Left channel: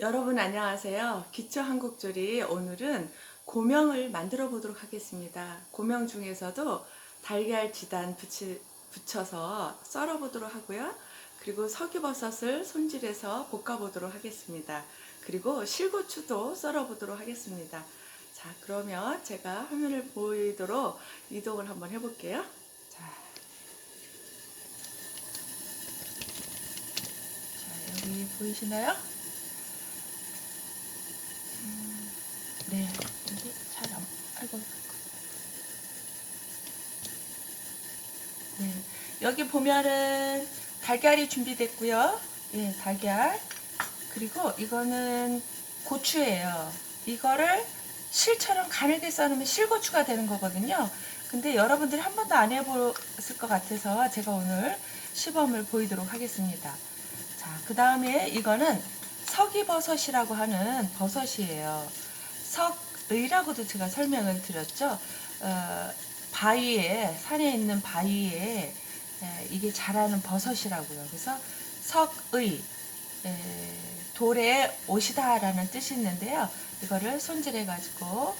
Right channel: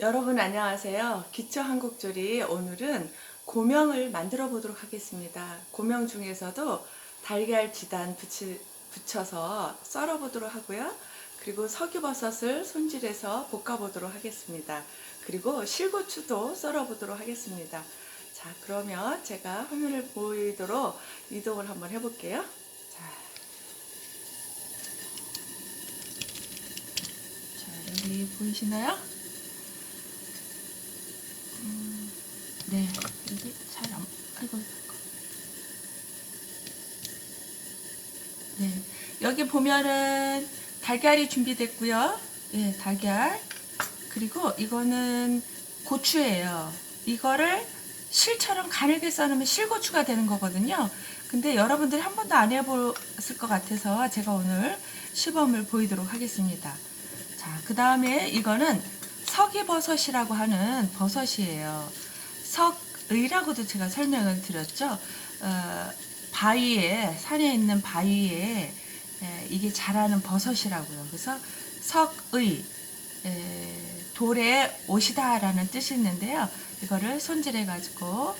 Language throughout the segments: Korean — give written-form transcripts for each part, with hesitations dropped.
여러분 안녕하세요. 기초 한국조리 오늘은 고명을 만들어 보도록 하겠습니다. 고명 중에서도 달걀 지단 붙여서 썰어 보도록 하고요. 그리고 석유버섯을 손질해서 볶아 보도록 하겠습니다. 그리고 실고추도 썰어 보도록 하겠습니다. 자, 그러면 제가 화면을 보이도록 이동을 한번 해볼게요. 자, 여기 보이시나요? 네, 여기 잘 안, 아이고. 네, 여기 보면은 달걀이 준비됐고요. 예, 달걀. 그리고 이거는 고추예요. 이거를 실처럼 가늘게 썰으면 실고추가 되는 거거든요. 근데 여러분들이 한 번도 안 해봤을 것 같아서 제가 오늘 시범을 보이도록 하겠습니다. 자, 그 다음에 이거는 석이버섯이라고 하는 버섯이에요. 석의라고도 제가 설명을 드렸죠. 바위에, 산에 있는 바위에 이게 자라는 버섯이라고요. 그래서 석의, 돌에 옷이다라는 뜻이 있는데요. 이거를 손질해가지고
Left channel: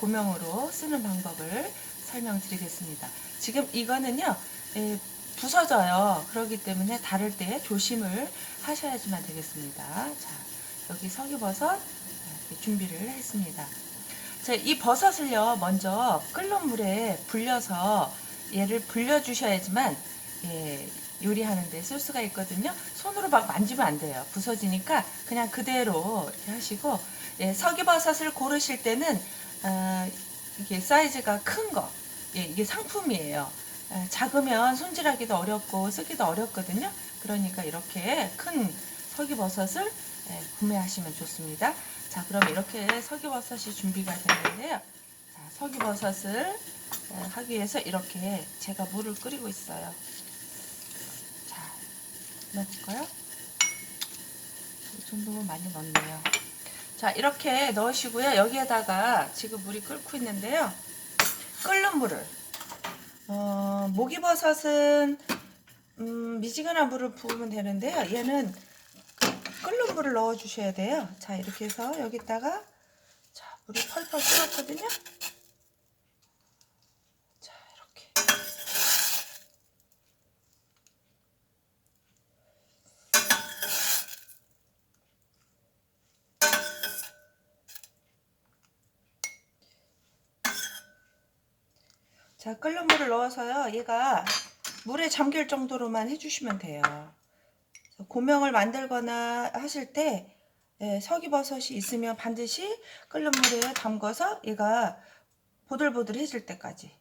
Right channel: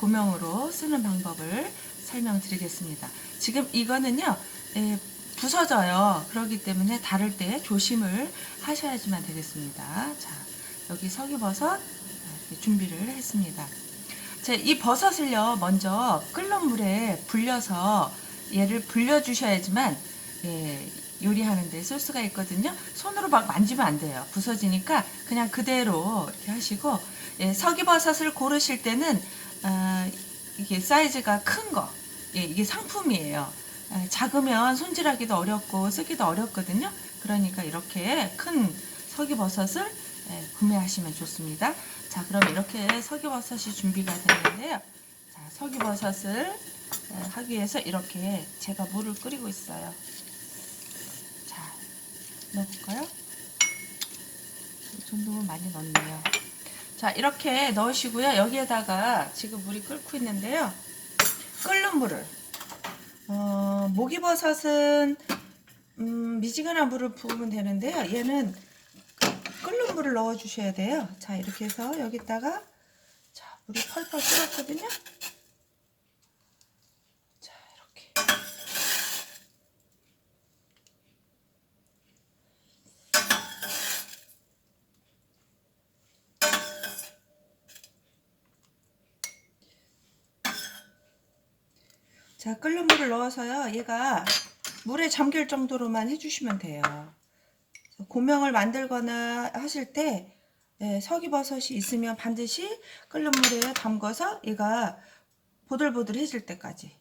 고명으로 쓰는 방법을 설명드리겠습니다. 지금 이거는요, 부서져요. 그렇기 때문에 다룰 때 조심을 하셔야지만 되겠습니다. 자, 여기 석유버섯 준비를 했습니다. 자, 이 버섯을요, 먼저 끓는 물에 불려서 얘를 불려주셔야지만 요리하는데 쓸 수가 있거든요. 손으로 막 만지면 안 돼요. 부서지니까 그냥 그대로 이렇게 하시고, 석이버섯을 고르실 때는 이게 사이즈가 큰 거, 이게 상품이에요. 작으면 손질하기도 어렵고 쓰기도 어렵거든요. 그러니까 이렇게 큰 석이버섯을 구매하시면 좋습니다. 자, 그럼 이렇게 석이버섯이 준비가 됐는데요. 자, 석이버섯을 하기 위해서 이렇게 제가 물을 끓이고 있어요. 자, 넣어볼까요? 이 정도면 많이 넣네요. 자, 이렇게 넣으시고요. 여기에다가 지금 물이 끓고 있는데요. 끓는 물을 목이버섯은 미지근한 물을 부으면 되는데요. 얘는 끓는 물을 넣어 주셔야 돼요. 자, 이렇게 해서 여기다가 자, 물이 펄펄 끓었거든요. 자, 이렇게 자, 끓는 물을 넣어서요. 얘가 물에 잠길 정도로만 해주시면 돼요. 고명을 만들거나 하실 때 석이버섯이 있으면 반드시 끓는 물에 담궈서 얘가 보들보들해질 때까지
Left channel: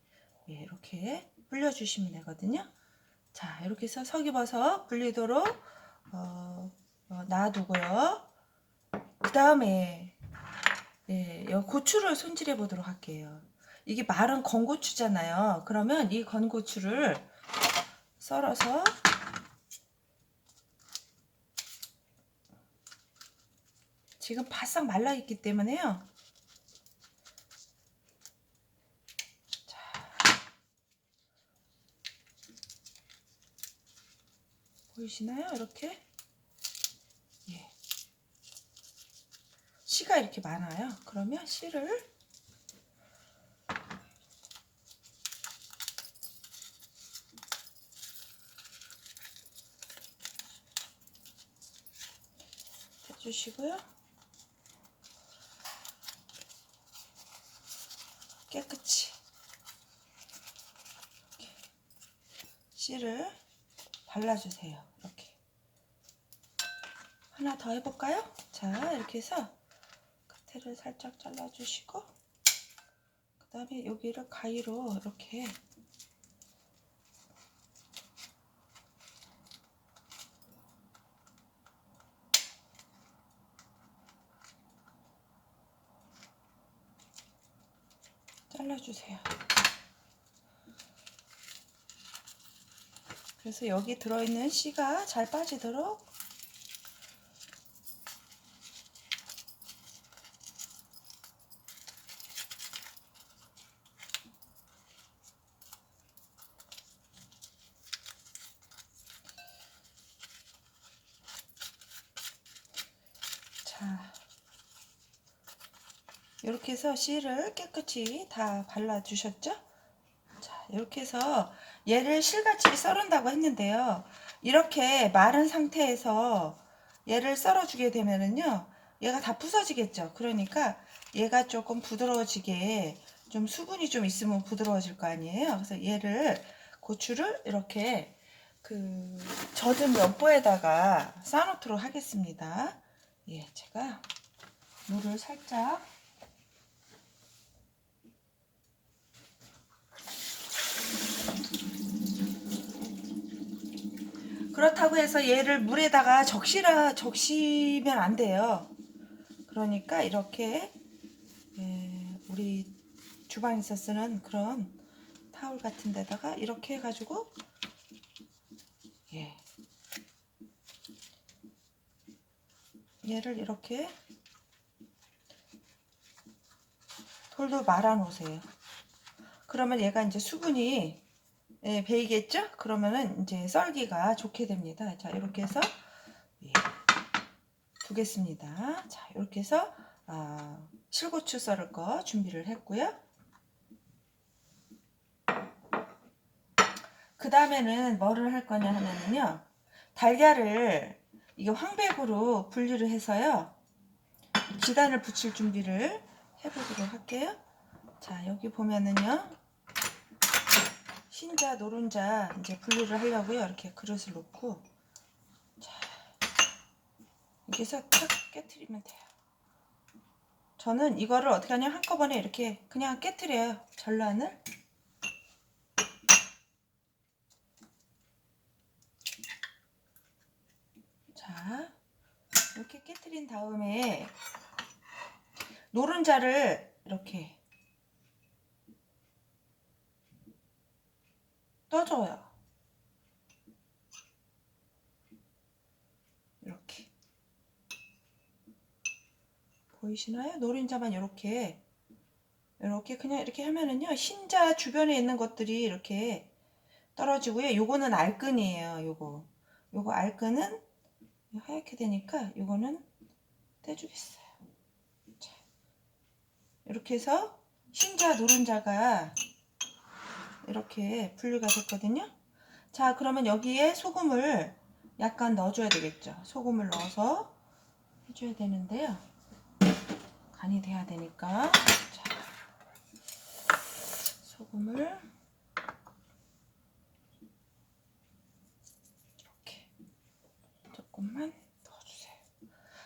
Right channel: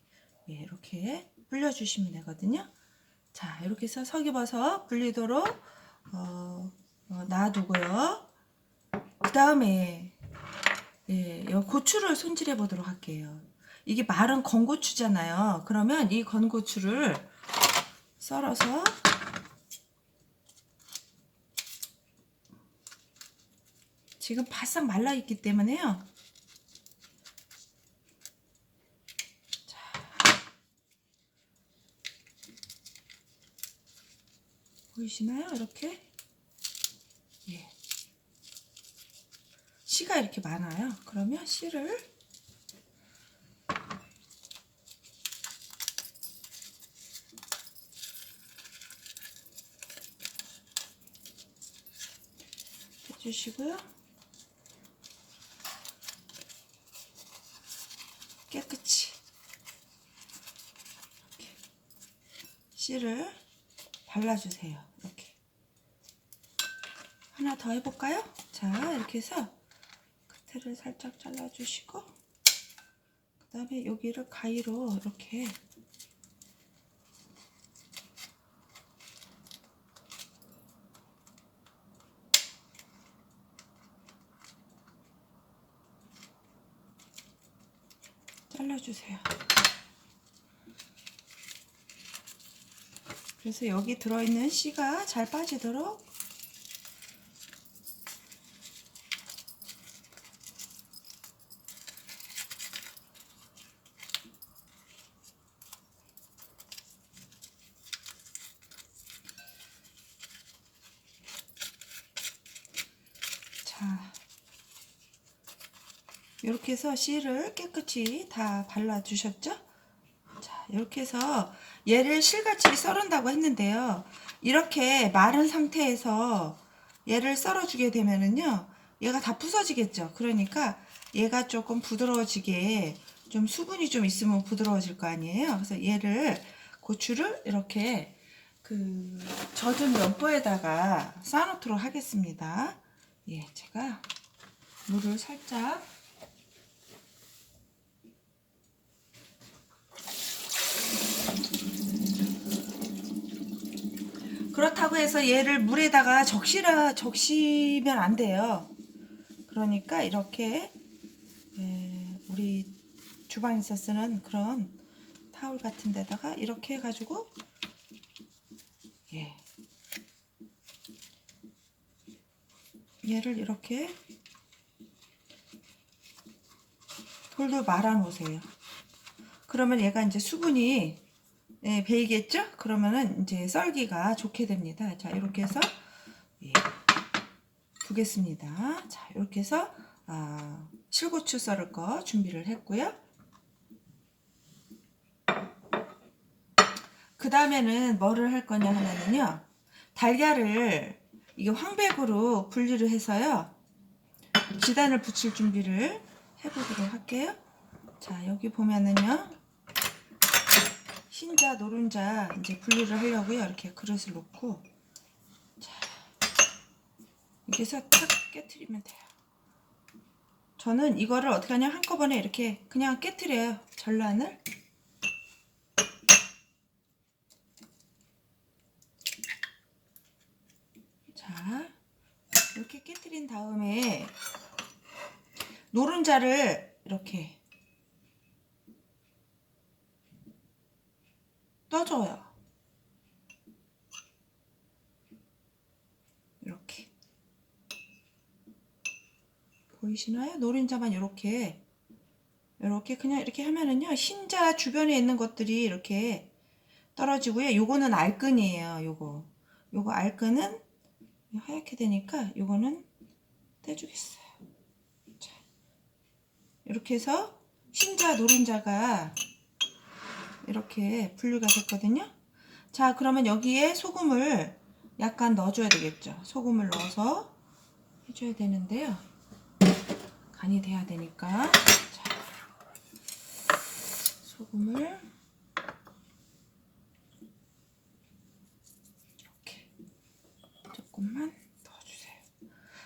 이렇게 불려주시면 되거든요. 자, 이렇게 해서 석이버섯 불리도록 놔두고요. 그 다음에 고추를 손질해 보도록 할게요. 이게 마른 건고추잖아요. 그러면 이 건고추를 썰어서 지금 바싹 말라 있기 때문에요. 자, 보이시나요? 이렇게 씨가 이렇게 많아요. 그러면 씨를 해주시고요. 깨끗이 이렇게 씨를 발라주세요. 이렇게 하나 더 해볼까요? 자, 이렇게 해서 끝을 살짝 잘라주시고 그 다음에 여기를 가위로 이렇게 잘라주세요. 그래서 여기 들어있는 씨가 잘 빠지도록 자, 자, 이렇게 해서 실을 깨끗이 다 발라주셨죠? 자, 이렇게 해서 얘를 실같이 썰은다고 했는데요. 이렇게 마른 상태에서 얘를 썰어주게 되면은요, 얘가 다 부서지겠죠. 그러니까 얘가 조금 부드러워지게 좀 수분이 좀 있으면 부드러워질 거 아니에요. 그래서 얘를 고추를 이렇게 그 젖은 면보에다가 쌓아놓도록 하겠습니다. 예, 제가 물을 살짝 그렇다고 해서 얘를 물에다가 적시면 안 돼요. 그러니까 이렇게 우리 주방에서 쓰는 그런 타올 같은 데다가 이렇게 해가지고 얘를 이렇게 돌돌 말아 놓으세요. 그러면 얘가 이제 수분이 배이겠죠? 그러면은 이제 썰기가 좋게 됩니다. 자, 이렇게 해서 두겠습니다. 자, 이렇게 해서 실고추 썰을 거 준비를 했고요. 그 다음에는 뭐를 할 거냐 하면은요, 달걀을 이게 황백으로 분리를 해서요, 지단을 붙일 준비를 해보도록 할게요. 자, 여기 보면은요, 흰자, 노른자 이제 분리를 하려고요. 이렇게 그릇을 놓고, 자, 이렇게 해서 탁 깨트리면 돼요. 저는 이거를 어떻게 하냐, 한꺼번에 이렇게 그냥 깨트려요. 전란을. 자, 이렇게 깨트린 다음에 노른자를 이렇게 떠줘요. 이렇게 보이시나요? 노른자만 이렇게 그냥 이렇게 하면은요, 흰자 주변에 있는 것들이 이렇게 떨어지고요. 요거는 알끈이에요. 요거 알끈은 하얗게 되니까 요거는 떼주겠어요. 자, 이렇게 해서 흰자 노른자가 이렇게 분리가 됐거든요. 자, 그러면 여기에 소금을 약간 넣어줘야 되겠죠. 소금을 넣어서 해줘야 되는데요. 간이 돼야 되니까. 자, 소금을 이렇게 조금만 넣어주세요.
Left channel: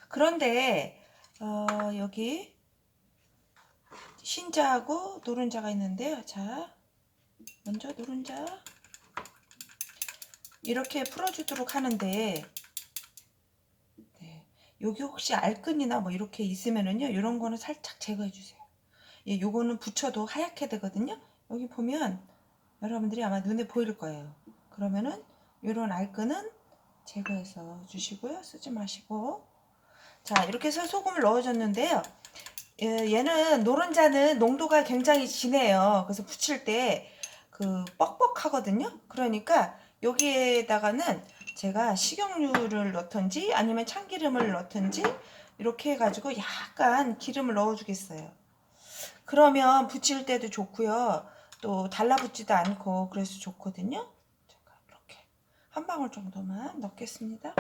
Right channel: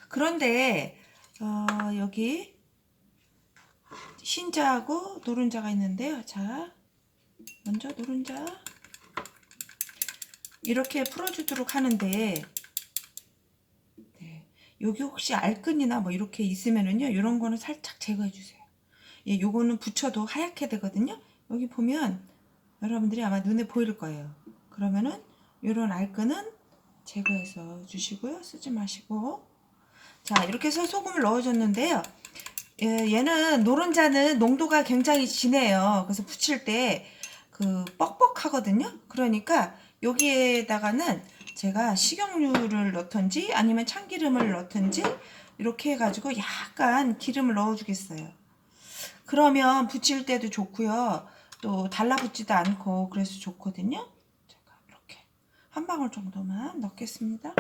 그런데 여기 흰자하고 노른자가 있는데요. 자, 먼저 노른자 이렇게 풀어주도록 하는데, 여기 혹시 알끈이나 뭐 이렇게 있으면은요, 이런 거는 살짝 제거해 주세요. 예, 요거는 붙여도 하얗게 되거든요. 여기 보면 여러분들이 아마 눈에 보일 거예요. 그러면은 이런 알끈은 제거해서 주시고요. 쓰지 마시고. 자, 이렇게 해서 소금을 넣어줬는데요. 얘는 노른자는 농도가 굉장히 진해요. 그래서 부칠 때 그 뻑뻑하거든요. 그러니까 여기에다가는 제가 식용유를 넣던지 아니면 참기름을 넣던지 이렇게 해가지고 약간 기름을 넣어 주겠어요. 그러면 부칠 때도 좋고요. 또 달라붙지도 않고 그래서 좋거든요. 제가 이렇게 한 방울 정도만 넣겠습니다.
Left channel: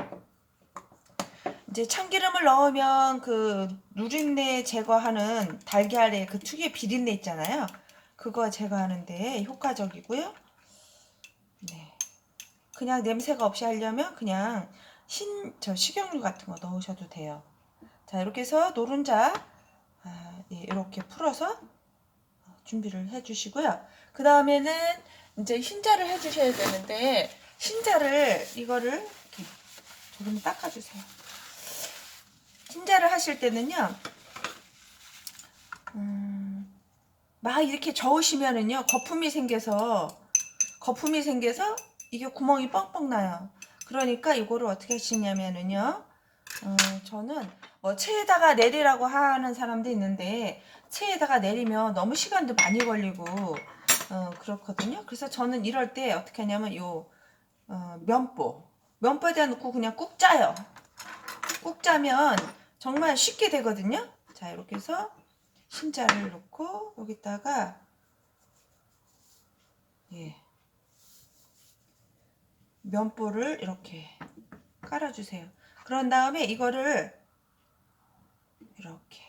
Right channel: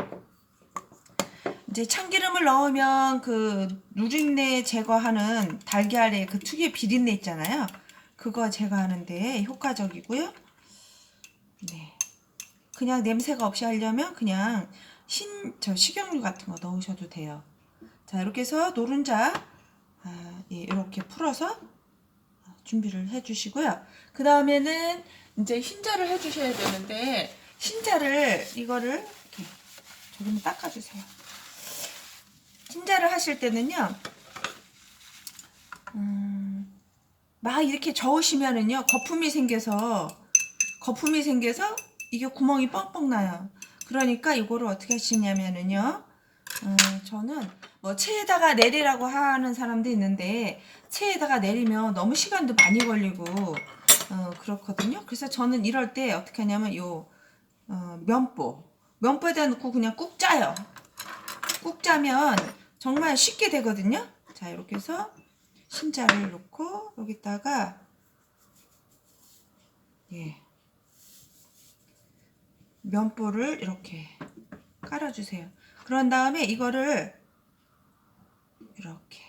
이제 참기름을 넣으면 그 누린내 제거하는 달걀의 그 특유의 비린내 있잖아요. 그거 제거하는데 효과적이고요. 네. 그냥 냄새가 없이 하려면 그냥 식용유 같은 거 넣으셔도 돼요. 자, 이렇게 해서 노른자 이렇게 풀어서 준비를 해 주시고요. 그 다음에는 이제 흰자를 해 주셔야 되는데, 흰자를 이거를 이렇게 조금 닦아주세요. 흰자를 하실 때는요, 막 이렇게 저으시면은요, 거품이 생겨서 이게 구멍이 뻥뻥 나요. 그러니까 이거를 어떻게 하시냐면은요, 저는 뭐 체에다가 내리라고 하는 사람도 있는데, 체에다가 내리면 너무 시간도 많이 걸리고 그렇거든요. 그래서 저는 이럴 때 어떻게 하냐면 면보에다 넣고 그냥 꾹 짜요. 꾹 짜면 정말 쉽게 되거든요. 자, 이렇게 해서 흰자를 놓고 여기다가 면보를 이렇게 깔아주세요. 그런 다음에 이거를 이렇게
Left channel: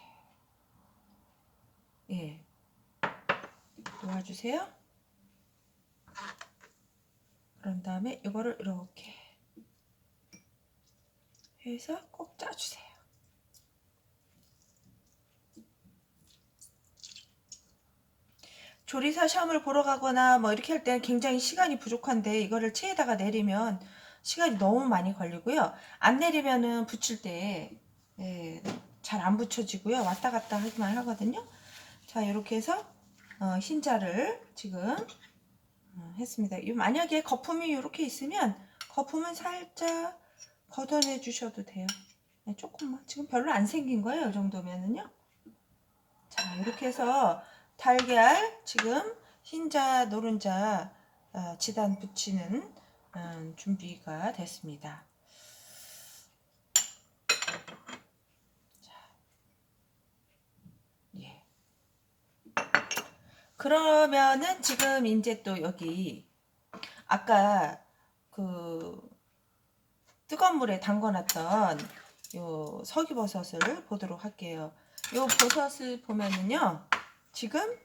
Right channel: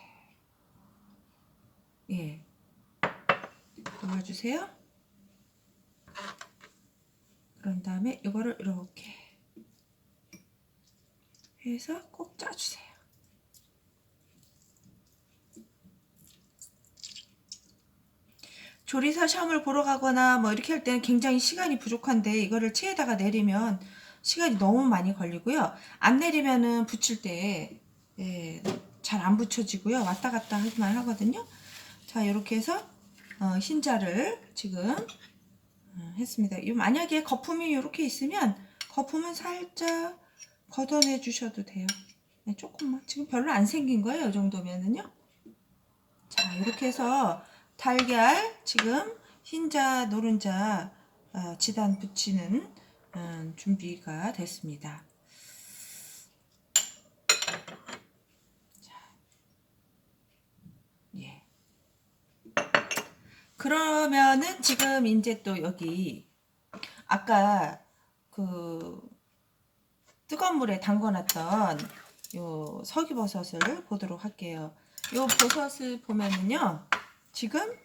놓아주세요. 그런 다음에 이거를 이렇게 해서 꼭 짜주세요. 조리사 시험을 보러 가거나 뭐 이렇게 할 때는 굉장히 시간이 부족한데 이거를 체에다가 내리면 시간이 너무 많이 걸리고요. 안 내리면은 붙일 때 잘 안 붙여지고요. 왔다 갔다 하기만 하거든요. 자, 이렇게 해서 흰자를 지금 했습니다. 만약에 거품이 이렇게 있으면 거품은 살짝 걷어내 주셔도 돼요. 네, 조금만. 지금 별로 안 생긴 거예요. 이 정도면은요. 자, 이렇게 해서 달걀 지금 흰자, 노른자 지단 붙이는 준비가 됐습니다. 자, 그러면은 지금 이제 또 여기 아까 그 뜨거운 물에 담궈놨던 요 석이버섯을 보도록 할게요. 요 버섯을 보면은요, 지금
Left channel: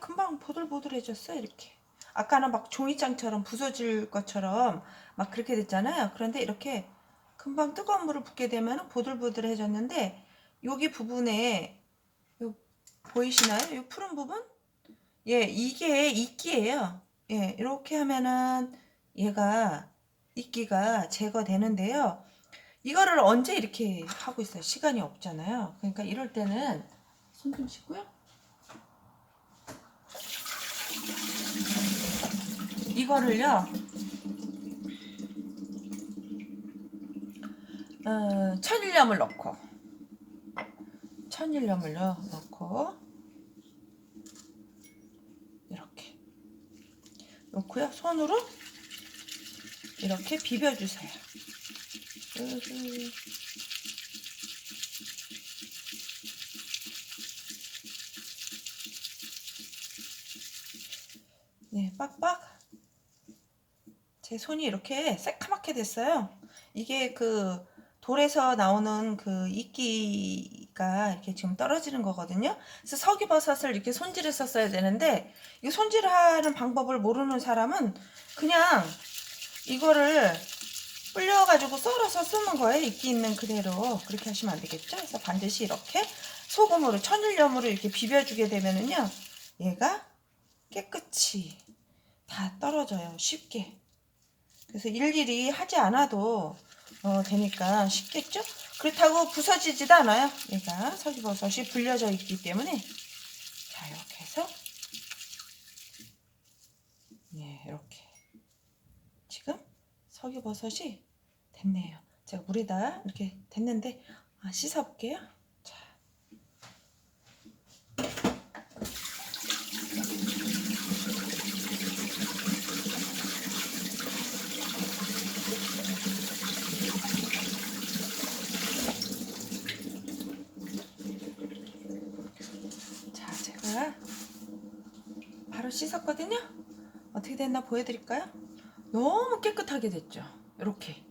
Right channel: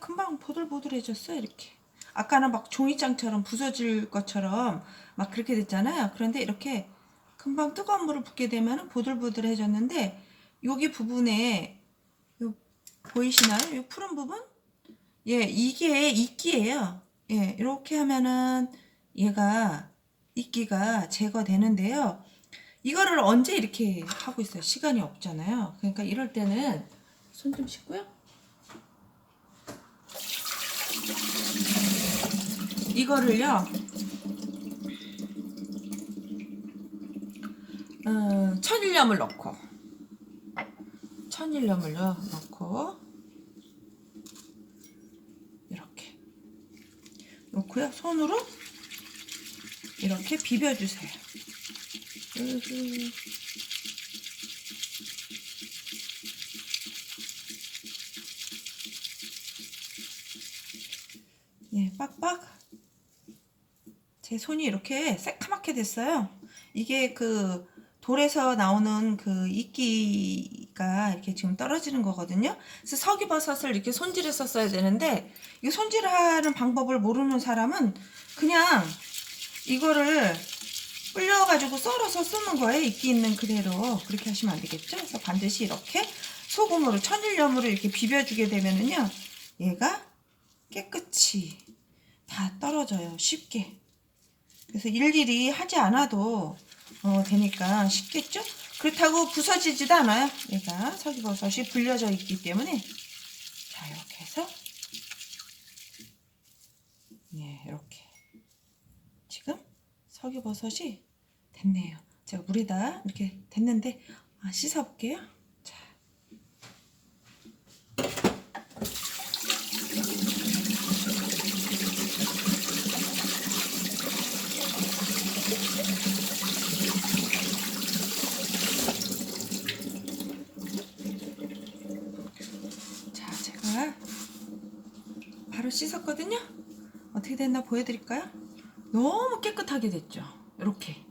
금방 보들보들해졌어요. 이렇게 아까는 막 종이장처럼 부서질 것처럼 막 그렇게 됐잖아요. 그런데 이렇게 금방 뜨거운 물을 붓게 되면 보들보들해졌는데, 여기 부분에 보이시나요? 요 푸른 부분? 이게 이끼예요. 이렇게 하면은 얘가 이끼가 제거되는데요. 이거를 언제 이렇게 하고 있어요? 시간이 없잖아요. 그러니까 이럴 때는 손 좀 씻고요. 이거를요, 천일염을 넣고 이렇게 넣고요. 손으로 이렇게 비벼주세요. 빡빡. 제 손이 이렇게 새카맣게 됐어요. 이게 그 돌에서 나오는 그 이끼가 이렇게 지금 떨어지는 거거든요. 그래서 석이버섯을 이렇게 손질해서 써야 되는데, 이 손질하는 방법을 모르는 사람은 그냥 이거를 불려가지고 썰어서 쓰는 거예요. 이끼 있는 그대로. 그렇게 하시면 안 되겠죠? 그래서 반드시 이렇게 소금으로, 천일염으로 이렇게 비벼주게 되면은요, 얘가 깨끗이 다 떨어져요. 쉽게. 그래서 일일이 하지 않아도 되니까 쉽겠죠? 그렇다고 부서지지도 않아요. 얘가 석이버섯이 불려져 있기 때문에. 자, 이렇게 해서 이렇게 지금 석이버섯이 됐네요. 제가 물에다 이렇게 됐는데 씻어 볼게요. 자, 제가 바로 씻었거든요. 어떻게 됐나 보여드릴까요? 너무 깨끗하게 됐죠. 이렇게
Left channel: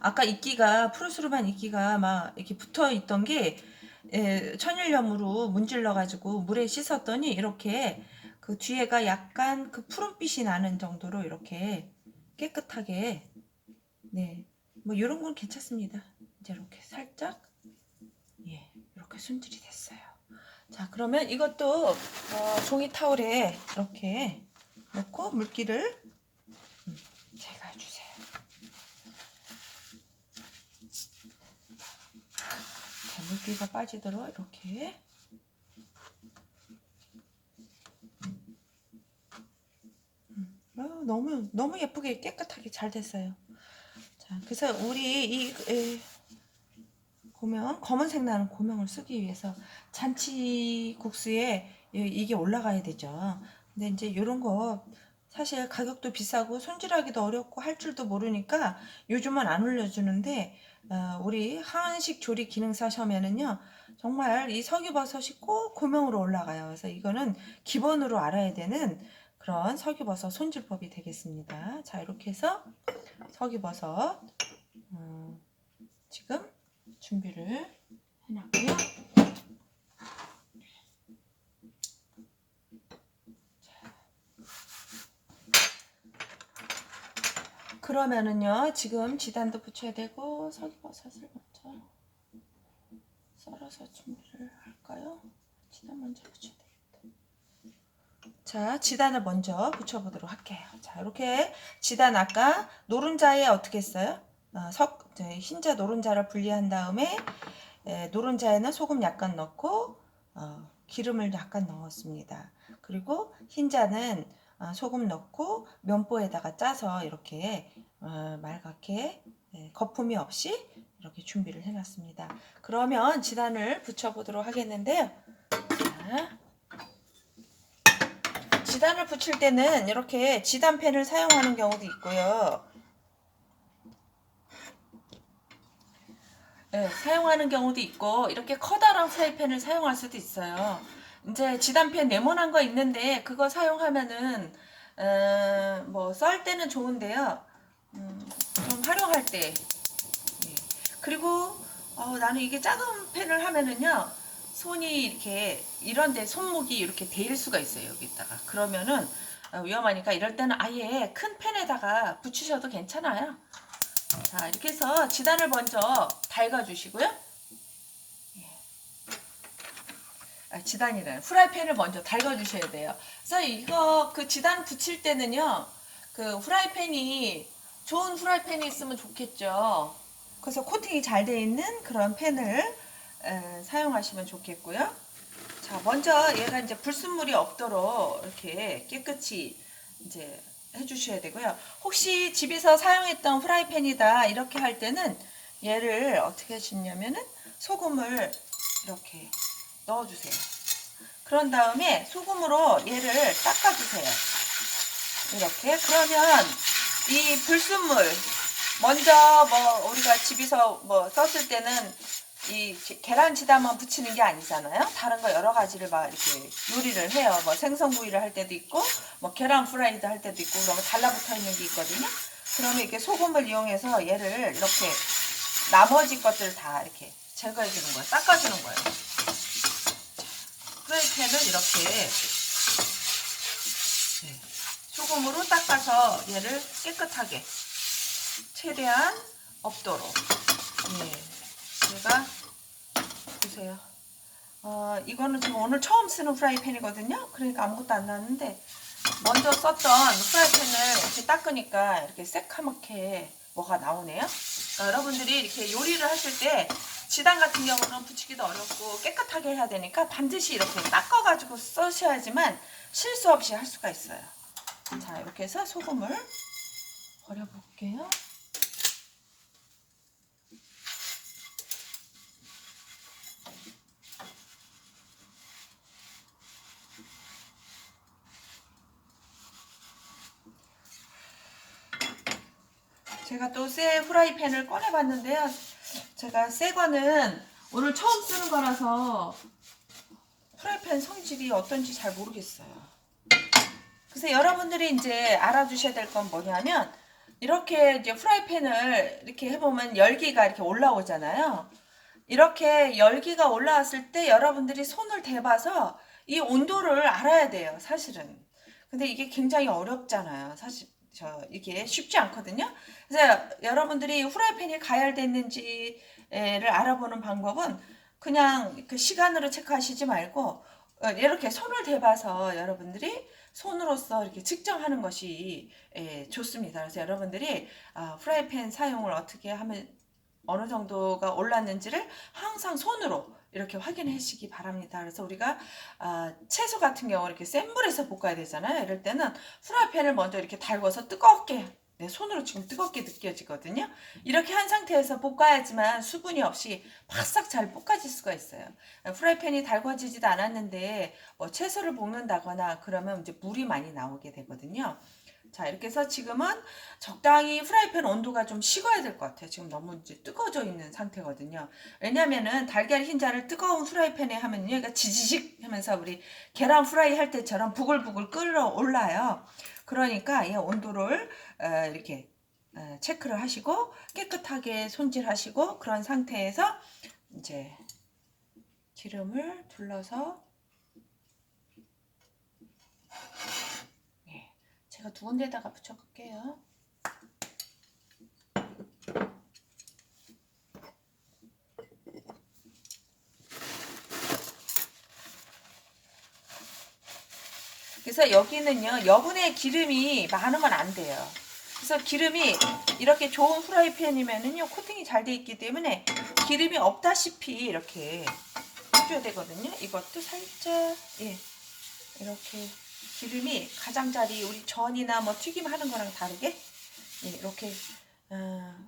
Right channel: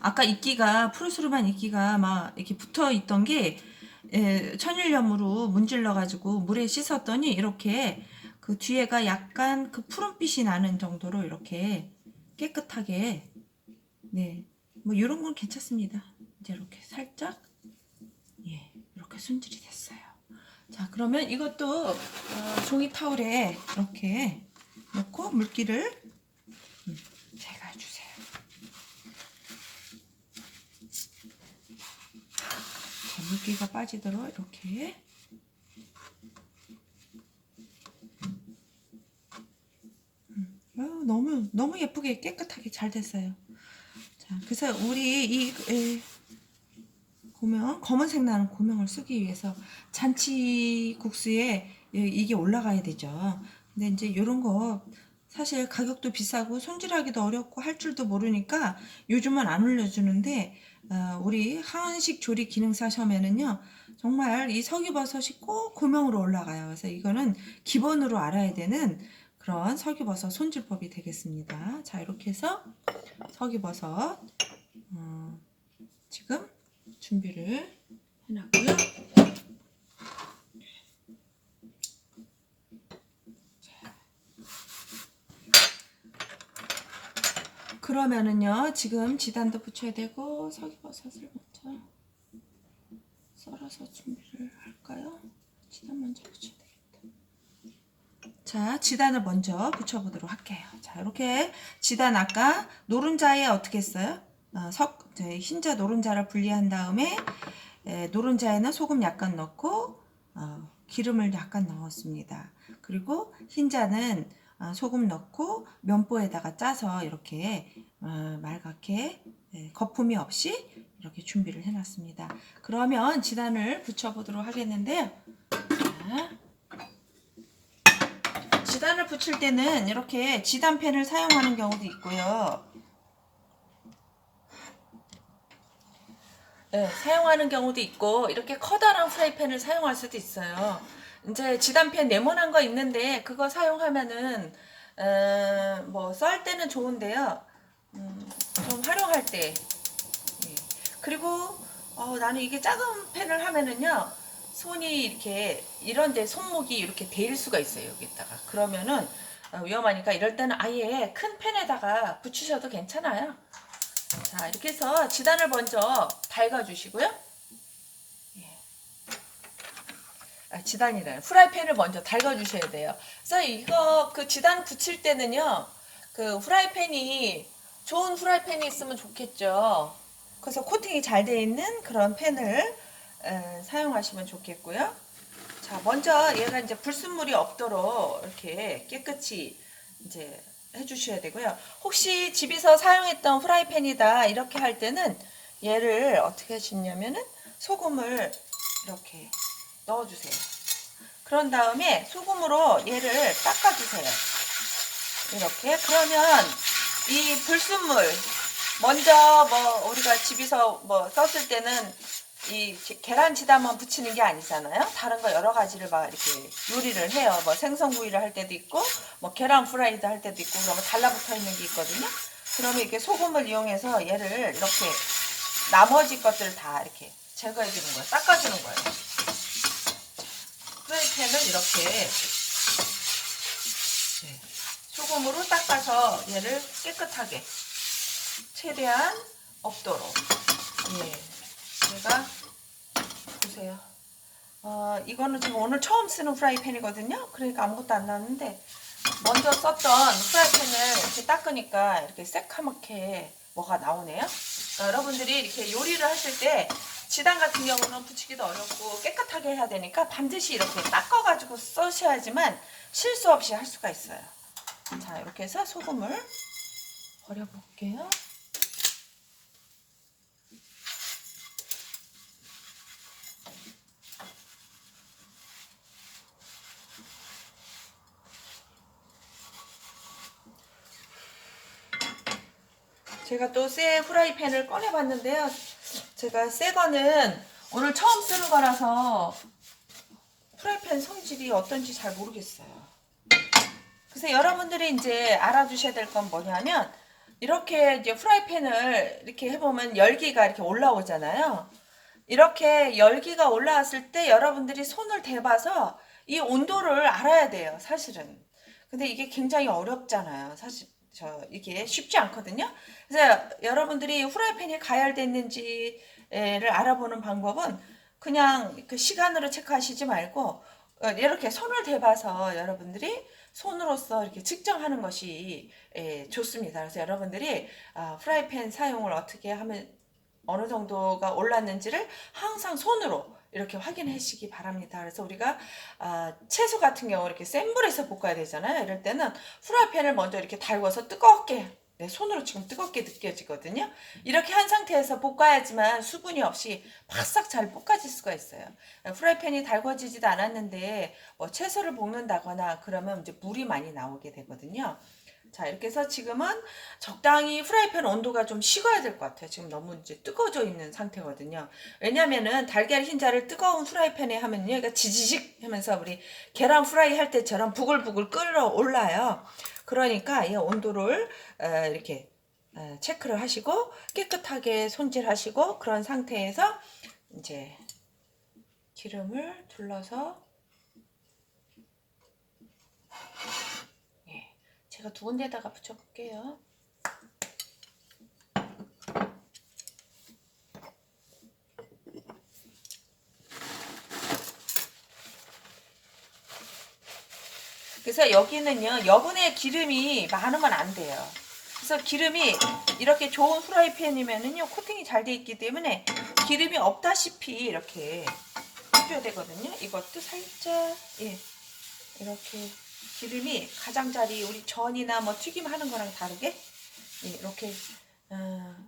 아까 이끼가 푸르스름한 이끼가 막 이렇게 붙어 있던 게 천일염으로 문질러 가지고 물에 씻었더니 이렇게 그 뒤에가 약간 그 푸른빛이 나는 정도로 이렇게 깨끗하게, 뭐 이런 건 괜찮습니다. 이제 이렇게 살짝 이렇게 손질이 됐어요. 자, 그러면 이것도 종이 타올에 이렇게 넣고 물기를 제거해주세요. 자, 물기가 빠지도록 이렇게 너무 예쁘게 깨끗하게 잘 됐어요. 자, 그래서 우리 이 고명, 검은색 나는 고명을 쓰기 위해서 잔치국수에 이게 올라가야 되죠. 근데 이제 이런 거 사실 가격도 비싸고 손질하기도 어렵고 할 줄도 모르니까 요즘은 안 올려주는데, 우리 한식 조리 기능사 시험에는요, 정말 이 석유버섯이 꼭 고명으로 올라가요. 그래서 이거는 기본으로 알아야 되는 그런 석유버섯 손질법이 되겠습니다. 자, 이렇게 해서 석유버섯 지금 준비를 해놨고요. 그러면은요, 지금 지단도 붙여야 되고 석유버섯을 먼저 썰어서 준비를 할까요? 지단 먼저 붙여야 되겠다. 자, 지단을 먼저 붙여보도록 할게요. 자, 이렇게 지단 아까 노른자에 어떻게 했어요? 흰자 노른자를 분리한 다음에 노른자에는 소금 약간 넣고 기름을 약간 넣었습니다. 그리고 흰자는 소금 넣고 면보에다가 짜서 이렇게 맑게 거품이 없이 이렇게 준비를 해놨습니다. 그러면 지단을 붙여보도록 하겠는데요. 자, 지단을 붙일 때는 이렇게 지단팬을 사용하는 경우도 있고요. 사용하는 경우도 있고 이렇게 커다란 프라이팬을 사용할 수도 있어요. 이제 지단팬 네모난 거 있는데 그거 사용하면은 뭐 썰 때는 좋은데요. 좀 활용할 때. 예. 그리고 나는 이게 작은 팬을 하면은요. 손이 이렇게 이런데 손목이 이렇게 데일 수가 있어요. 여기다가. 그러면은 위험하니까 이럴 때는 아예 큰 팬에다가 붙이셔도 괜찮아요. 자, 이렇게 해서 지단을 먼저 달궈주시고요. 지단이래요. 프라이팬을 먼저 달궈주셔야 돼요. 그래서 이거 그 지단 붙일 때는요, 그 프라이팬이 좋은 프라이팬이 있으면 좋겠죠. 그래서 코팅이 잘 되어 있는 그런 팬을 사용하시면 좋겠고요. 자, 먼저 얘가 이제 불순물이 없도록 이렇게 깨끗이 이제 해주셔야 되고요. 혹시 집에서 사용했던 프라이팬이다 이렇게 할 때는 얘를 어떻게 하시냐면은 소금을 이렇게 넣어주세요. 그런 다음에 소금으로 얘를 닦아주세요. 이렇게. 그러면 이 불순물 먼저 뭐 우리가 집에서 뭐 썼을 때는 이 계란 지단만 붙이는 게 아니잖아요. 다른 거 여러 가지를 막 이렇게 요리를 해요. 뭐 생선구이를 할 때도 있고, 뭐 계란 프라이드 할 때도 있고, 그러면 달라붙어 있는 게 있거든요. 그러면 이렇게 소금을 이용해서 얘를 이렇게 나머지 것들 다 이렇게 제거해 주는 거예요. 닦아주는 거예요. 프라이팬을 이렇게 소금으로 닦아서 얘를 깨끗하게 최대한 없도록. 제가 보세요. 이거는 지금 오늘 처음 쓰는 프라이팬이거든요. 그러니까 아무것도 안 나왔는데 먼저 썼던 프라이팬을 이렇게 닦으니까 이렇게 새카맣게 뭐가 나오네요. 여러분들이 이렇게 요리를 하실 때 지단 같은 경우는 붙이기도 어렵고 깨끗하게 해야 되니까 반드시 이렇게 닦아가지고 써셔야지만 실수 없이 할 수가 있어요. 자, 이렇게 해서 소금을 버려볼게요. 제가 또 새 프라이팬을 꺼내봤는데요. 제가 새 거는 오늘 처음 쓰는 거라서 프라이팬 성질이 어떤지 잘 모르겠어요. 그래서 여러분들이 이제 알아두셔야 될 건 뭐냐면 이렇게 이제 프라이팬을 이렇게 해보면 열기가 이렇게 올라오잖아요. 이렇게 열기가 올라왔을 때 여러분들이 손을 대봐서 이 온도를 알아야 돼요, 사실은. 근데 이게 굉장히 어렵잖아요. 사실 이게 쉽지 않거든요. 그래서 여러분들이 후라이팬이 가열됐는지를 알아보는 방법은 그냥 그 시간으로 체크하시지 말고 이렇게 손을 대봐서 여러분들이 손으로서 이렇게 측정하는 것이 좋습니다. 그래서 여러분들이 프라이팬 사용을 어떻게 하면 어느 정도가 올랐는지를 항상 손으로 이렇게 확인하시기 바랍니다. 그래서 우리가 채소 같은 경우 이렇게 센 불에서 볶아야 되잖아요. 이럴 때는 프라이팬을 먼저 이렇게 달궈서 뜨겁게 내 손으로 지금 뜨겁게 느껴지거든요. 이렇게 한 상태에서 볶아야지만 수분이 없이 바싹 잘 볶아질 수가 있어요. 프라이팬이 달궈지지도 않았는데 뭐 채소를 볶는다거나 그러면 이제 물이 많이 나오게 되거든요. 자, 이렇게 해서 지금은 적당히 프라이팬 온도가 좀 식어야 될 것 같아요. 지금 너무 이제 뜨거워져 있는 상태거든요. 왜냐면은 달걀 흰자를 뜨거운 프라이팬에 하면요, 얘가 지지직 하면서 우리 계란 프라이 할 때처럼 부글부글 끓어올라요. 그러니까 이 온도를 이렇게 체크를 하시고 깨끗하게 손질하시고 그런 상태에서 이제 기름을 둘러서 제가 두 군데다가 붙여볼게요. 그래서 여기는요, 여분의 기름이 많으면 안 돼요. 그래서 기름이 이렇게 좋은 프라이팬이면은요, 코팅이 잘 돼 있기 때문에 기름이 없다시피 이렇게 해줘야 되거든요. 이것도 살짝, 예, 이렇게 기름이 가장자리 우리 전이나 뭐 튀김 하는 거랑 다르게 예, 이렇게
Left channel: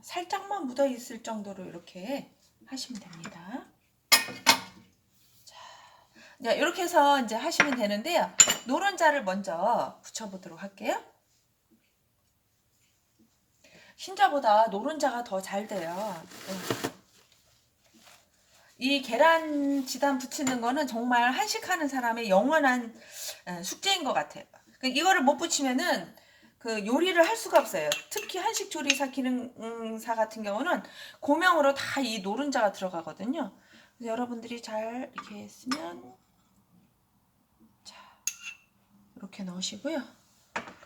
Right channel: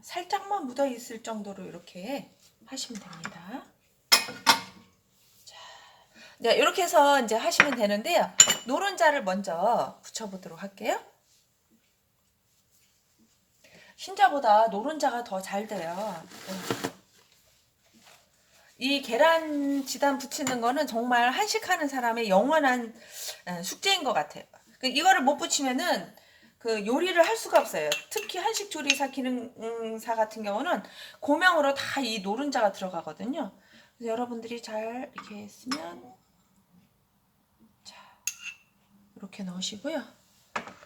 살짝만 묻어 있을 정도로 이렇게 하시면 됩니다. 자, 네, 이렇게 해서 이제 하시면 되는데요. 노른자를 먼저 붙여보도록 할게요. 흰자보다 노른자가 더 잘 돼요. 이 계란 지단 붙이는 거는 정말 한식하는 사람의 영원한 숙제인 것 같아요. 이거를 못 붙이면은 그 요리를 할 수가 없어요. 특히 한식 조리사 기능사 같은 경우는 고명으로 다 이 노른자가 들어가거든요. 그래서 여러분들이 잘 이렇게 했으면 자 이렇게 넣으시고요.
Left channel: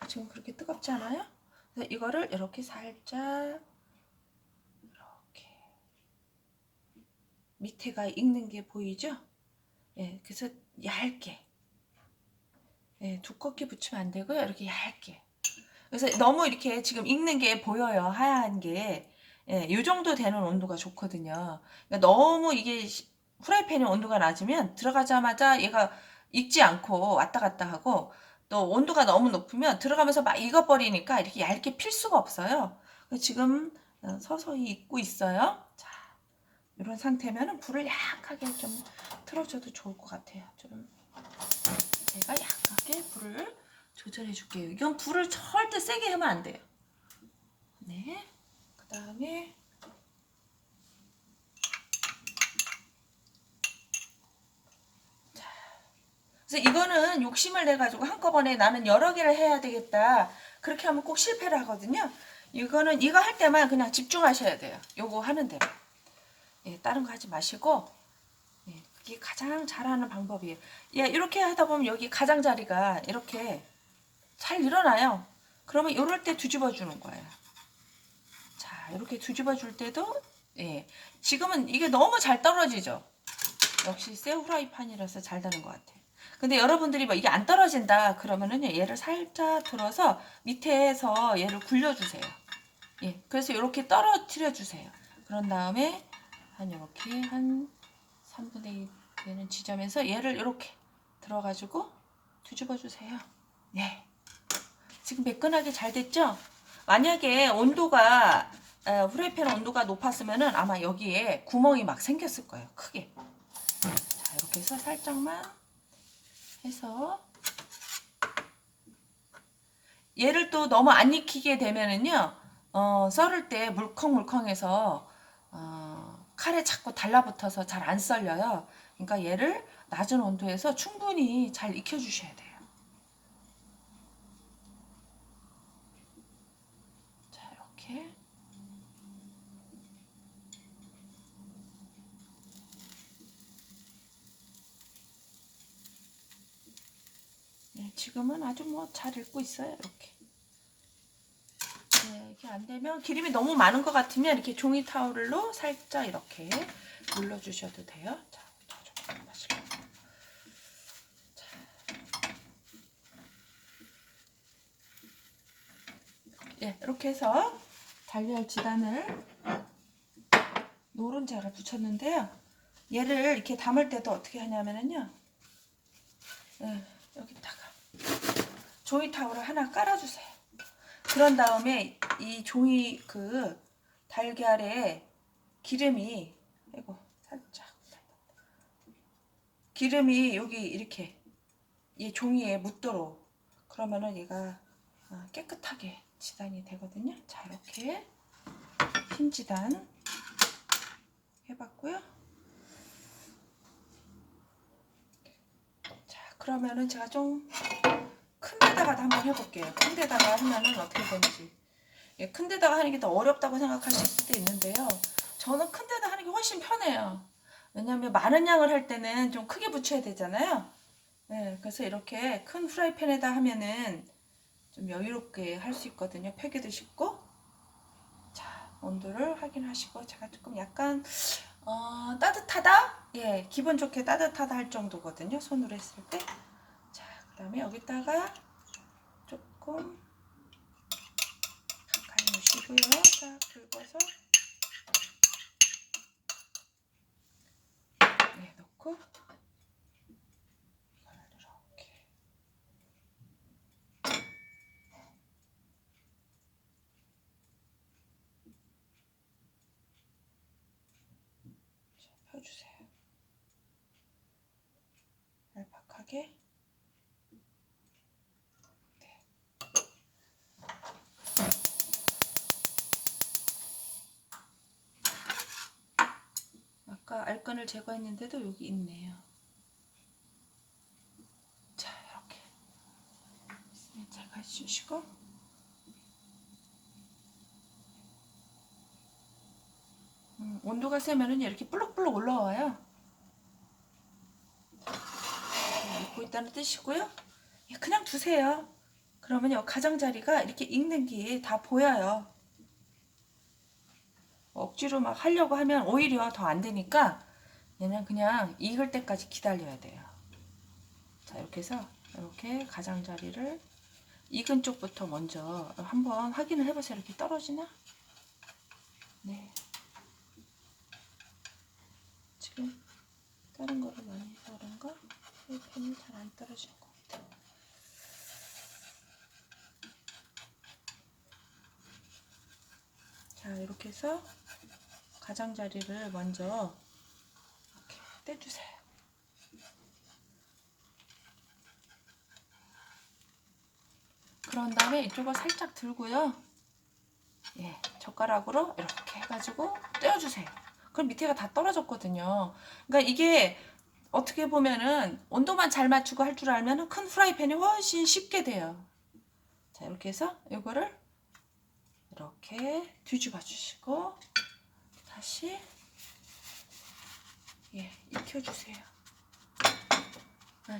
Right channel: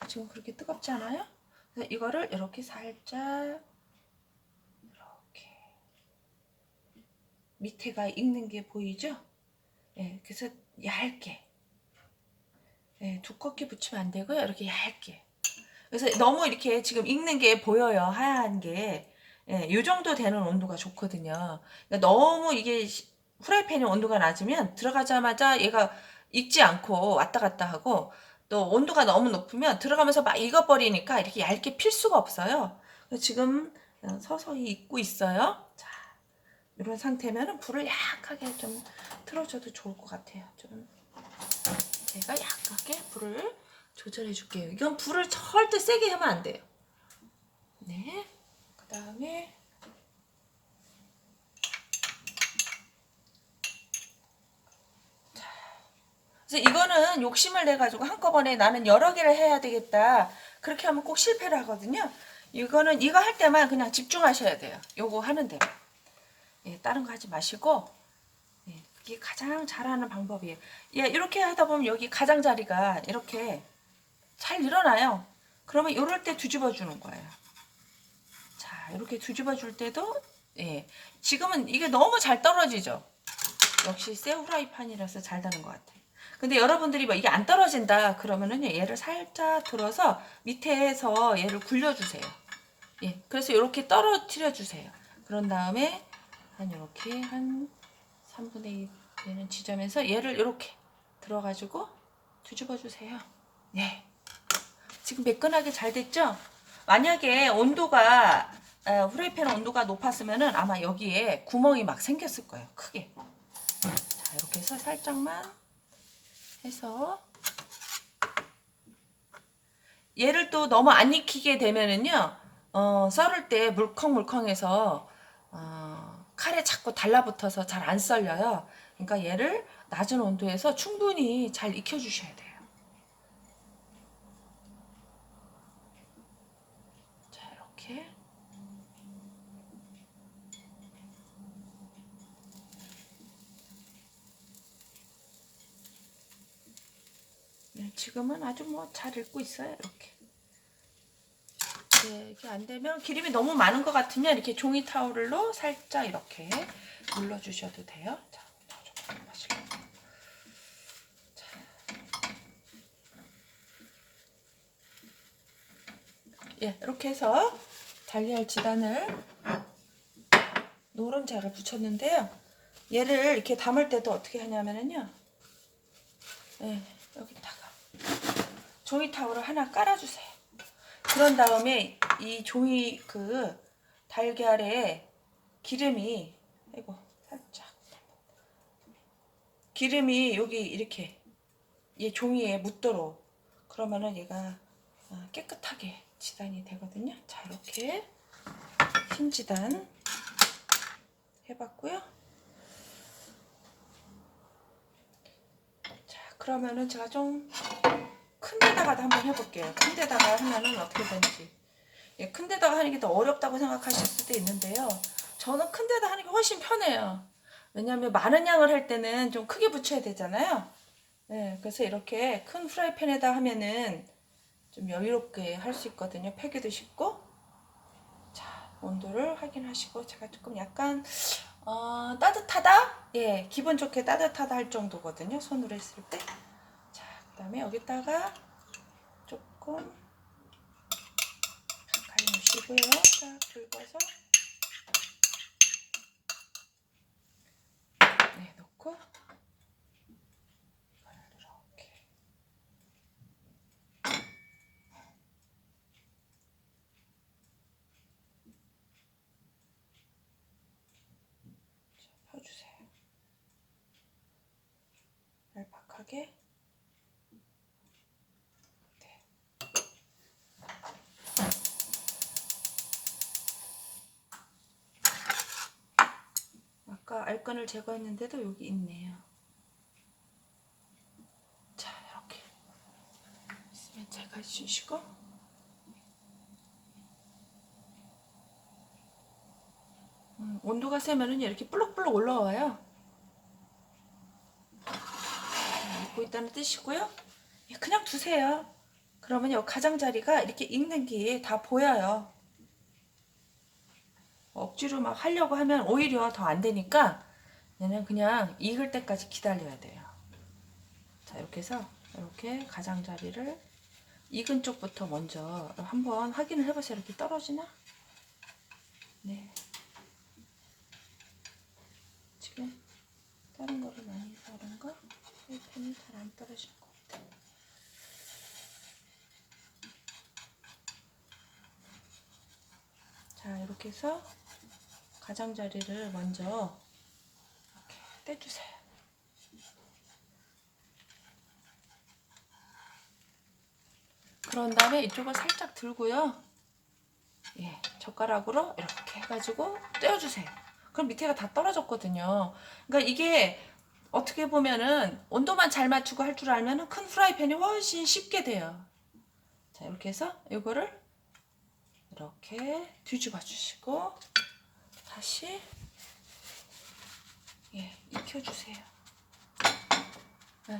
지금 그렇게 뜨겁지 않아요? 그래서 이거를 이렇게 살짝 이렇게 밑에가 익는 게 보이죠? 예, 그래서 얇게 예, 두껍게 붙이면 안 되고요. 이렇게 얇게. 그래서 너무 이렇게 지금 익는 게 보여요. 하얀 게. 예, 이 정도 되는 온도가 좋거든요. 그러니까 너무 이게 프라이팬의 온도가 낮으면 들어가자마자 얘가 익지 않고 왔다 갔다 하고 또 온도가 너무 높으면 들어가면서 막 익어버리니까 이렇게 얇게 필 수가 없어요. 지금 서서히 익고 있어요. 자, 이런 상태면 불을 약하게 좀 틀어줘도 좋을 것 같아요. 좀 제가 약하게 불을 조절해 줄게요. 이건 불을 절대 세게 하면 안 돼요. 네. 그 다음에 그래서 이거는 욕심을 내가지고 한꺼번에 나는 여러 개를 해야 되겠다. 그렇게 하면 꼭 실패를 하거든요. 이거는 이거 할 때만 그냥 집중하셔야 돼요. 요거 하는 대로. 예, 다른 거 하지 마시고 예, 그게 가장 잘하는 방법이에요. 예, 이렇게 하다 보면 여기 가장자리가 이렇게 잘 일어나요. 그러면 이럴 때 뒤집어 주는 거예요. 자, 이렇게 뒤집어 줄 때도 예, 지금은 이게 너무 잘 떨어지죠. 역시 새 후라이팬이라서 잘 되는 것 같아요. 근데 여러분들이 뭐 이게 안 떨어진다 그러면은 얘를 살짝 들어서 밑에서 얘를 굴려주세요. 예, 그래서 이렇게 떨어뜨려 주세요. 그런 다음에 한 이렇게 한 3분의 2 되는 지점에서 얘를 이렇게 들어가지고 뒤집어 주세요. 네, 지금 매끈하게 잘 됐죠? 만약에 온도가 후라이팬 온도가 높았으면은 아마 여기에 구멍이 막 생겼을 거예요. 크게. 자, 이렇게 해서 살짝만 해서 얘를 또 너무 안 익히게 되면은요, 썰을 때 물컹물컹해서 칼에 자꾸 달라붙어서 잘 안 썰려요. 그러니까 얘를 낮은 온도에서 충분히 잘 익혀주셔야 돼요. 자, 이렇게. 네, 지금은 아주 뭐 잘 익고 있어요. 이렇게. 네, 이게 안 되면 기름이 너무 많은 것 같으면 이렇게 종이 타올로 살짝 이렇게 눌러주셔도 돼요. 자, 더 좀 마실게요. 자, 예, 이렇게 해서 달걀 지단을 노른자를 붙였는데요. 얘를 이렇게 담을 때도 어떻게 하냐면요. 예, 여기다가 종이 타올을 하나 깔아주세요. 그런 다음에 이 종이 그 달걀에 기름이 아이고 살짝 기름이 여기 이렇게 이 종이에 묻도록 그러면은 얘가 깨끗하게 지단이 되거든요. 자, 이렇게 흰지단 해봤고요. 자, 그러면은 제가 좀 큰 데다가도 한번 해볼게요. 큰 데다가 하면은 어떻게 되는지. 예, 큰 데다가 하는 게 더 어렵다고 생각하실 수도 있는데요. 저는 큰 데다 하는 게 훨씬 편해요. 왜냐하면 많은 양을 할 때는 좀 크게 붙여야 되잖아요. 네, 그래서 이렇게 큰 프라이팬에다 하면은 좀 여유롭게 할 수 있거든요. 펴기도 쉽고. 자, 온도를 확인하시고 제가 조금 약간 따뜻하다? 예, 기분 좋게 따뜻하다 할 정도거든요. 손으로 했을 때. 자, 그 다음에 여기다가 조금 가까이 놓으시고요. 딱 긁어서 네, 넣고 이렇게 펴주세요. 얄팍하게. 네. 아까 알끈을 제거했는데도 여기 있네요. 자, 이렇게 있으면 제거해 주시고 온도가 세면은 이렇게 불럭불럭 올라와요. 익고 있다는 뜻이고요. 그냥 두세요. 그러면 요 가장자리가 이렇게 익는 게 다 보여요. 억지로 막 하려고 하면 오히려 더 안 되니까 얘는 그냥 익을 때까지 기다려야 돼요. 자, 이렇게 해서 이렇게 가장자리를 익은 쪽부터 먼저 한번 확인을 해보세요. 이렇게 떨어지나? 네. 지금 다른 거를 많이 해서 그런가? 펜이 잘 안 떨어지는 것 같아요. 자, 이렇게 해서 가장자리를 먼저 이렇게 떼주세요. 그런 다음에 이쪽을 살짝 들고요. 예, 젓가락으로 이렇게 해가지고 떼어주세요. 그럼 밑에가 다 떨어졌거든요. 그러니까 이게 어떻게 보면은 온도만 잘 맞추고 할 줄 알면은 큰 프라이팬이 훨씬 쉽게 돼요. 자, 이렇게 해서 이거를 이렇게 뒤집어 주시고 다시 예, 익혀주세요.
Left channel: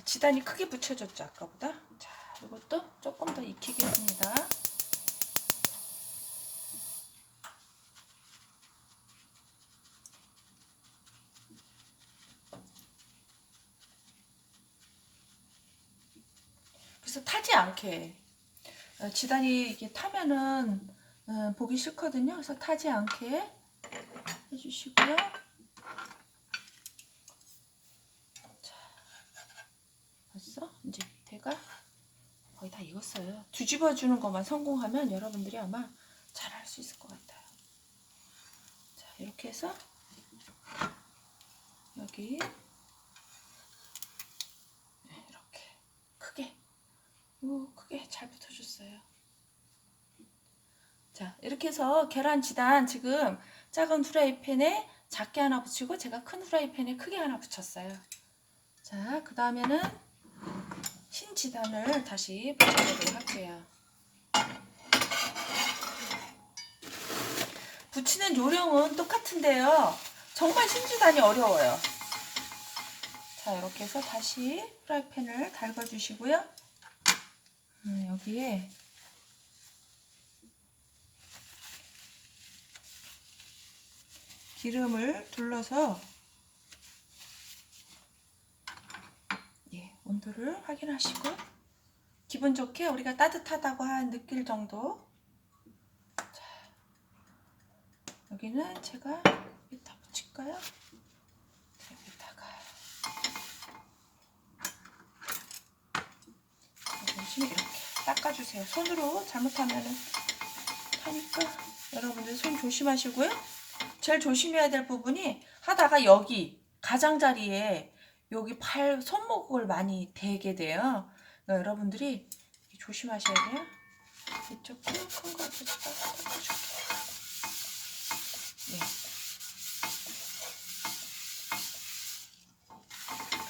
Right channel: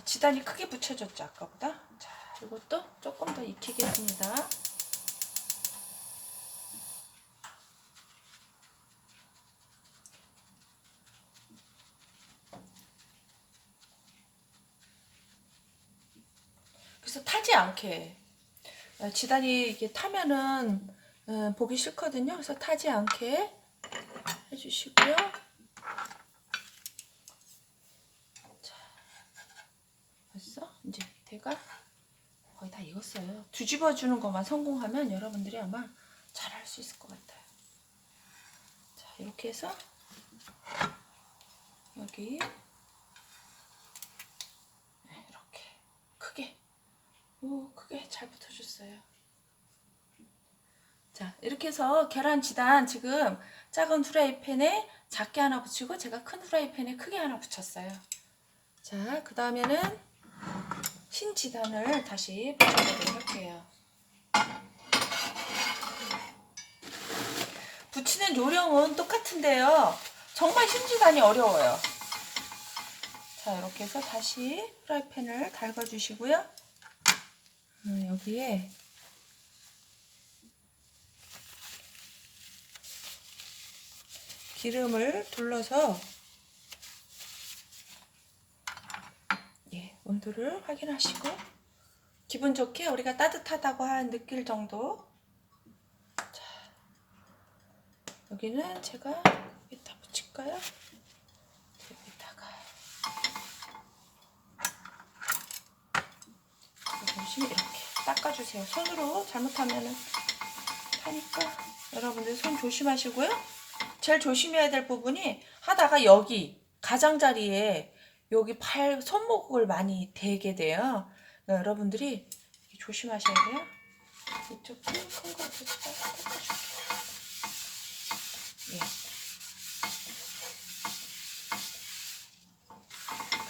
지단이 크게 붙여졌죠, 아까보다. 자, 이것도 조금 더 익히겠습니다. 그래서 타지 않게 지단이 이게 타면은 보기 싫거든요. 그래서 타지 않게 해주시고요. 자, 벌써 이제 밑에가 거의 다 익었어요. 뒤집어 주는 것만 성공하면 여러분들이 아마 잘 할 수 있을 것 같아요. 자, 이렇게 해서 여기 이렇게 크게 잘 붙어줬어요. 자, 이렇게 해서 계란 지단 지금 작은 후라이팬에 작게 하나 붙이고 제가 큰 후라이팬에 크게 하나 붙였어요. 자, 그 다음에는 흰 지단을 다시 붙여보도록 할게요. 붙이는 요령은 똑같은데요. 정말 흰 지단이 어려워요. 자, 이렇게 해서 다시 프라이팬을 달궈주시고요. 여기에 기름을 둘러서 예, 온도를 확인하시고 기분 좋게 우리가 따뜻하다고 느낄 정도. 자, 여기는 제가 여기다 붙일까요? 여기다가 보시면 이렇게 닦아주세요. 손으로 잘못하면은 타니까 여러분들 손 조심하시고요. 제일 조심해야 될 부분이 하다가 여기 가장자리에 여기 손목을 많이 대게 돼요. 그러니까 여러분들이 조심하셔야 돼요. 이쪽도 큰 거 여기다가 닦아줄게요. 예.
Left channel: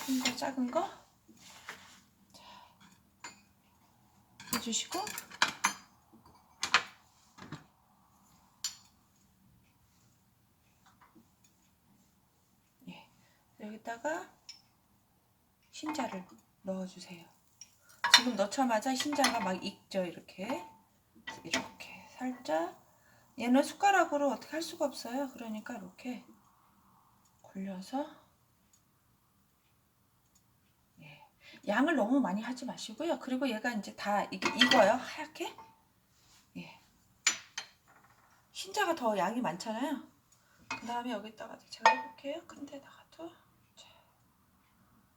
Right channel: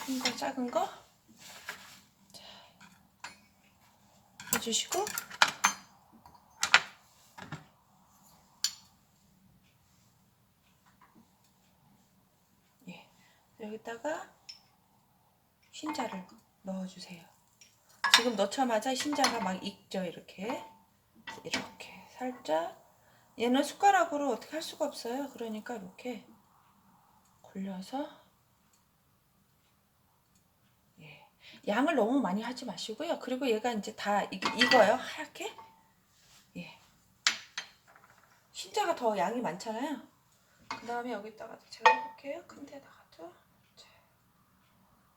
큰 거, 작은 거 자, 해주시고 예. 여기다가 흰자를 넣어주세요. 지금 넣자마자 흰자가 막 익죠. 이렇게 살짝. 얘는 숟가락으로 어떻게 할 수가 없어요. 그러니까 이렇게 굴려서 예. 양을 너무 많이 하지 마시고요. 그리고 얘가 이제 다 익어요. 하얗게. 예. 흰자가 더 양이 많잖아요. 그 다음에 여기다가 제가 해볼게요. 큰 데다가도 자,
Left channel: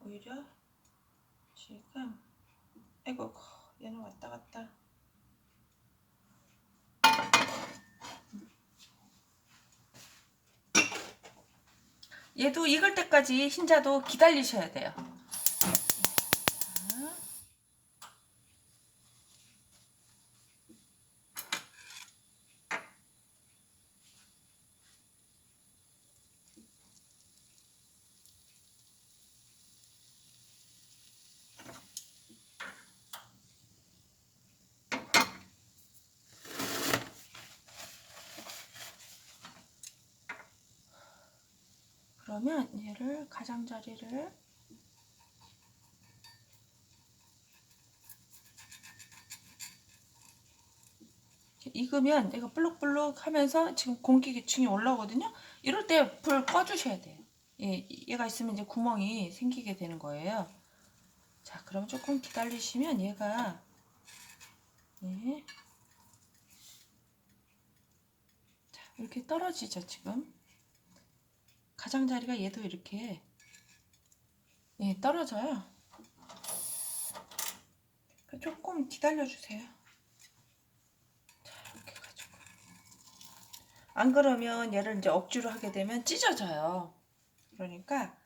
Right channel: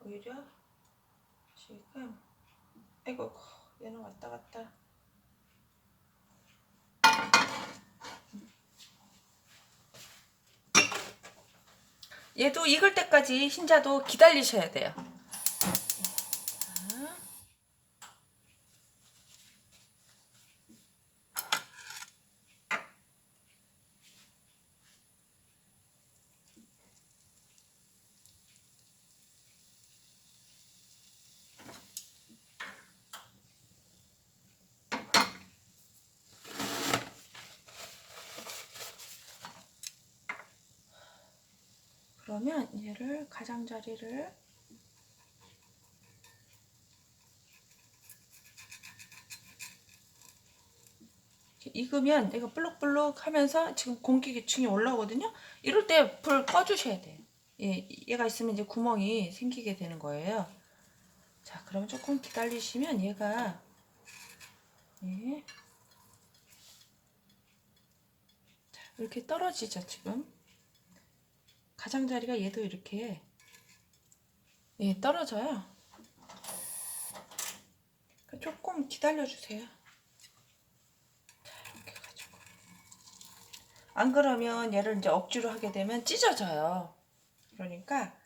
오히려 지금 아이고 얘는 왔다 갔다 얘도 익을 때까지 흰자도 기다리셔야 돼요. 그러면 얘를 가장자리를 익으면 얘가 볼록볼록 하면서 지금 공기계층이 올라오거든요. 이럴 때 불 꺼주셔야 돼요. 예, 얘가 있으면 이제 구멍이 생기게 되는 거예요. 자, 그럼 조금 기다리시면 얘가 예. 자, 이렇게 떨어지죠. 지금 가장자리가 얘도 이렇게 예, 떨어져요. 조금 기다려주세요. 안 그러면 얘를 이제 억지로 하게 되면 찢어져요. 그러니까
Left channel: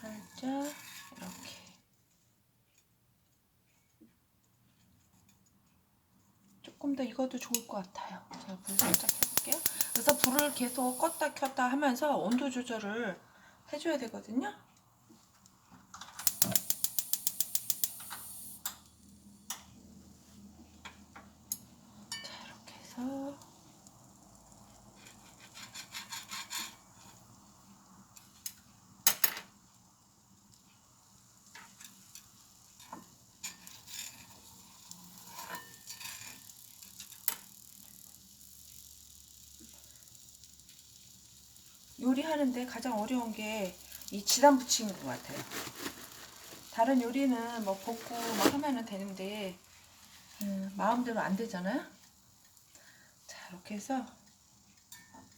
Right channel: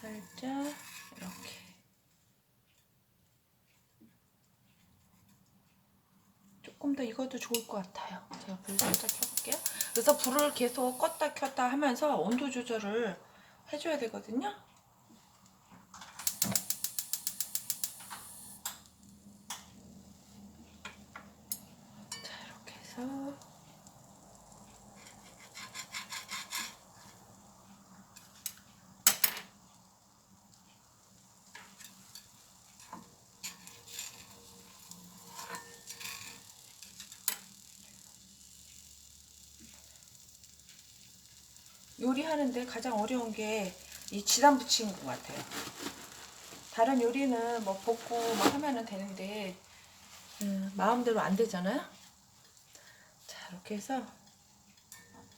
살짝 이렇게 조금 더 익어도 좋을 것 같아요. 제가 불 살짝 켜볼게요. 그래서 불을 계속 껐다 켰다 하면서 온도 조절을 해줘야 되거든요. 자, 이렇게 해서 요리하는데 가장 어려운 게 이 지단 붙이는 것 같아요. 다른 요리는 뭐 볶고 막 하면은 되는데 마음대로 안 되잖아요. 자, 이렇게 해서